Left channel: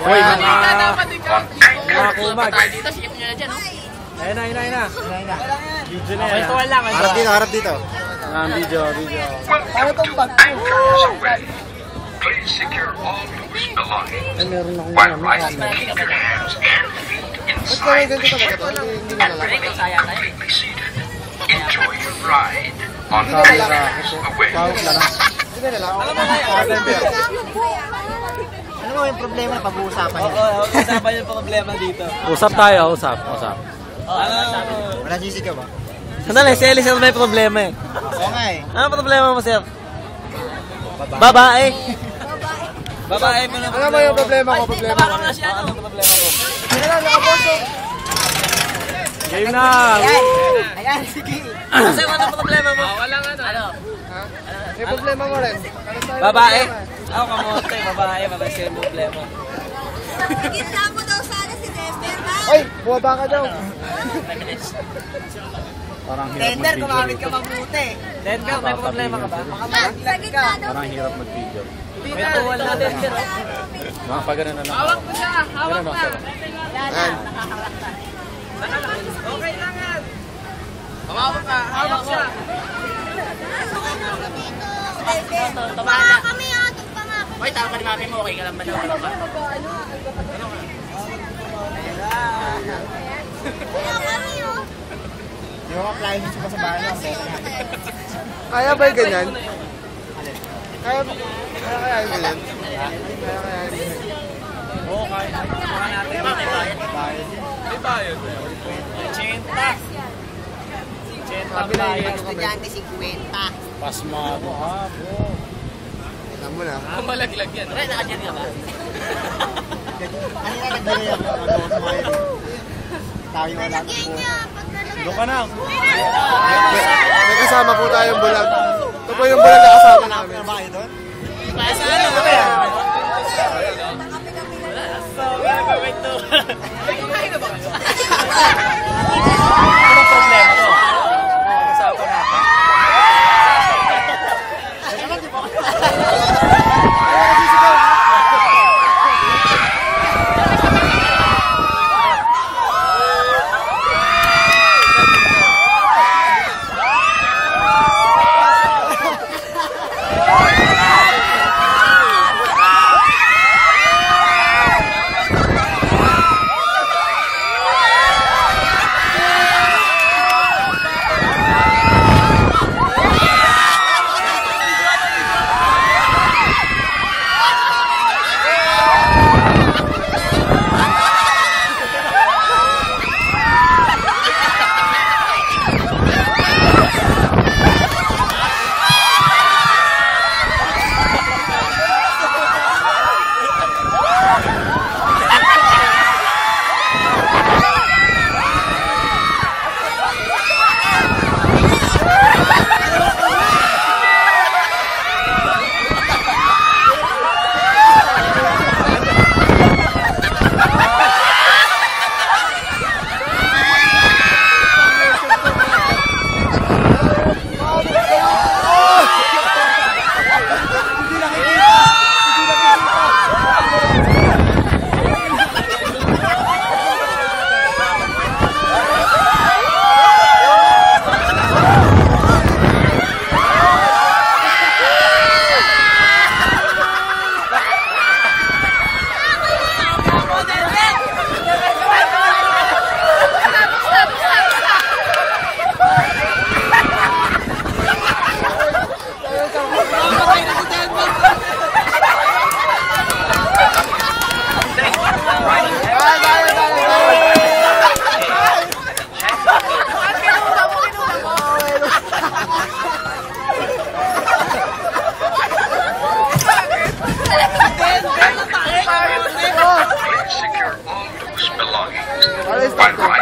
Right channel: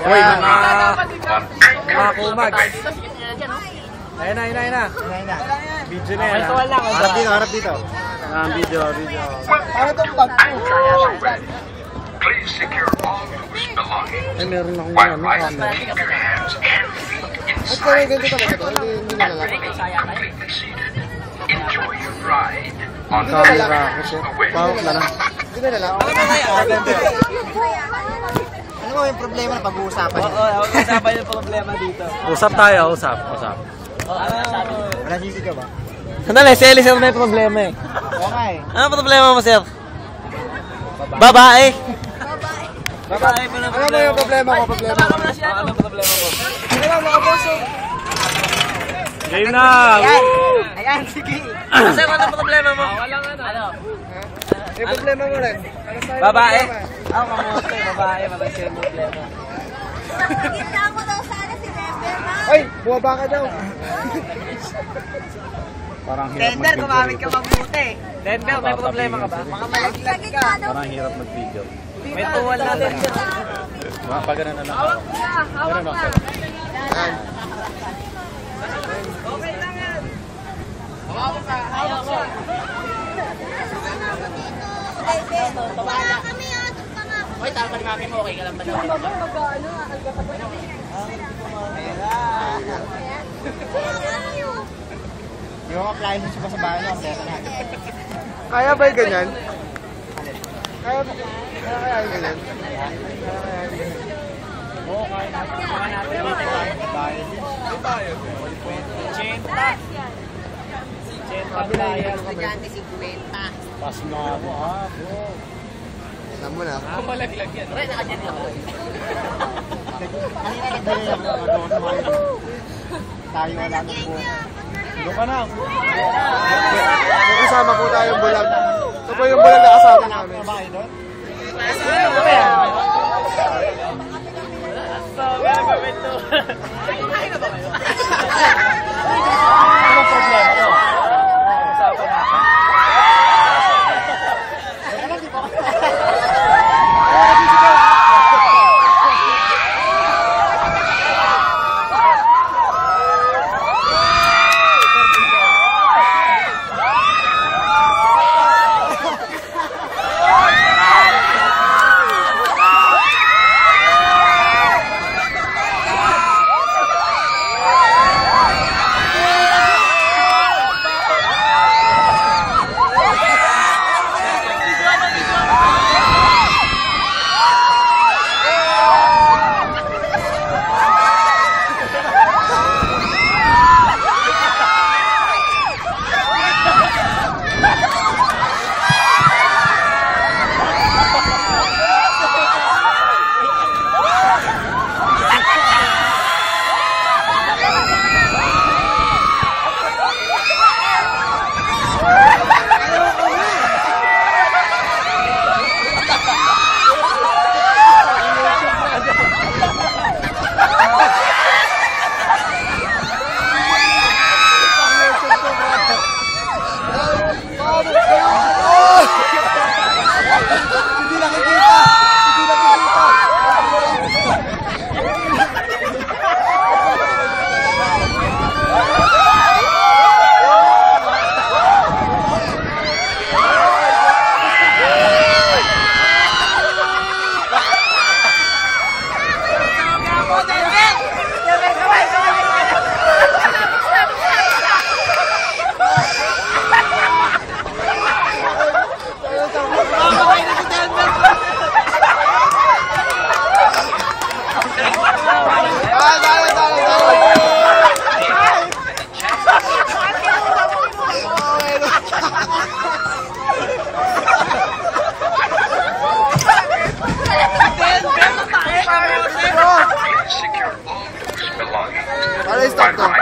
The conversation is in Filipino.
Uy, mga kumag. Ayun na. Video na yan. Harap dito. Video. Para itong bag ko. Please secure all loose belongings. Ay, meron akong While ano, riding, camera. keep your hands and feet Ba't kaya inside. ganito ka ba ito? Hindi na lang. Completely seated. Enjoy your ride on the Camera. Pawak na lang. Hindi na lang. Ano mo yung problema na pag-uusapan niyo? Usapan yung problema dito. Usap tayo, usap. Wala sisigaw ba? Sandali, si Ellie, sir, may problema eh. Oo nga eh. Ano problema mo, sir? Babae. Babae mo na Ano ba yung problema ko? Ano problema mo? Wala, nakaboso. Game na! Ayan, sige. Sir, ano problema mo? Walang ano. May problema mo rin. Babae? Ako kamote, babae, wala siya yung problema. Gitna mo daw sana si Never, ma. Ay, buwaba ka daw. Parang hirap mag-video rito. mabuti. Then ka, may problema ka ba? Sa gitna daw. Parang hirap mag-video. May tuwan na doon. Mga pag na lang. Hawak mo siya, hawak na. Okay lang yan. Hawak ka, hawak siya. Tumanga kami ha, tumanga kami. Hoy, tama ni mami mo, okay ka lang ba daw? Kaya kami oh. Yung appliances ko sa bahay lang. Kaya ba yung ganyan? Kaya yung ganyan? Oo, kaya. Baka natin ba? May bayad. 80 ang bayad. Estudyante 50. Pasmado ha, bro. Alam mo na. Malaglag yan. Wala, nakadyan ka ba? Ano na nagbili yan? Tayo na lang. Lagyan niya, pag nalagyan. Doon ka na. May kasama po tayong bulag. Ito po yung bulag na kasama namin. Saan ba ba yan? Ano problema mo? Usapan natin. Secure all loose belongings. Alright, stop to.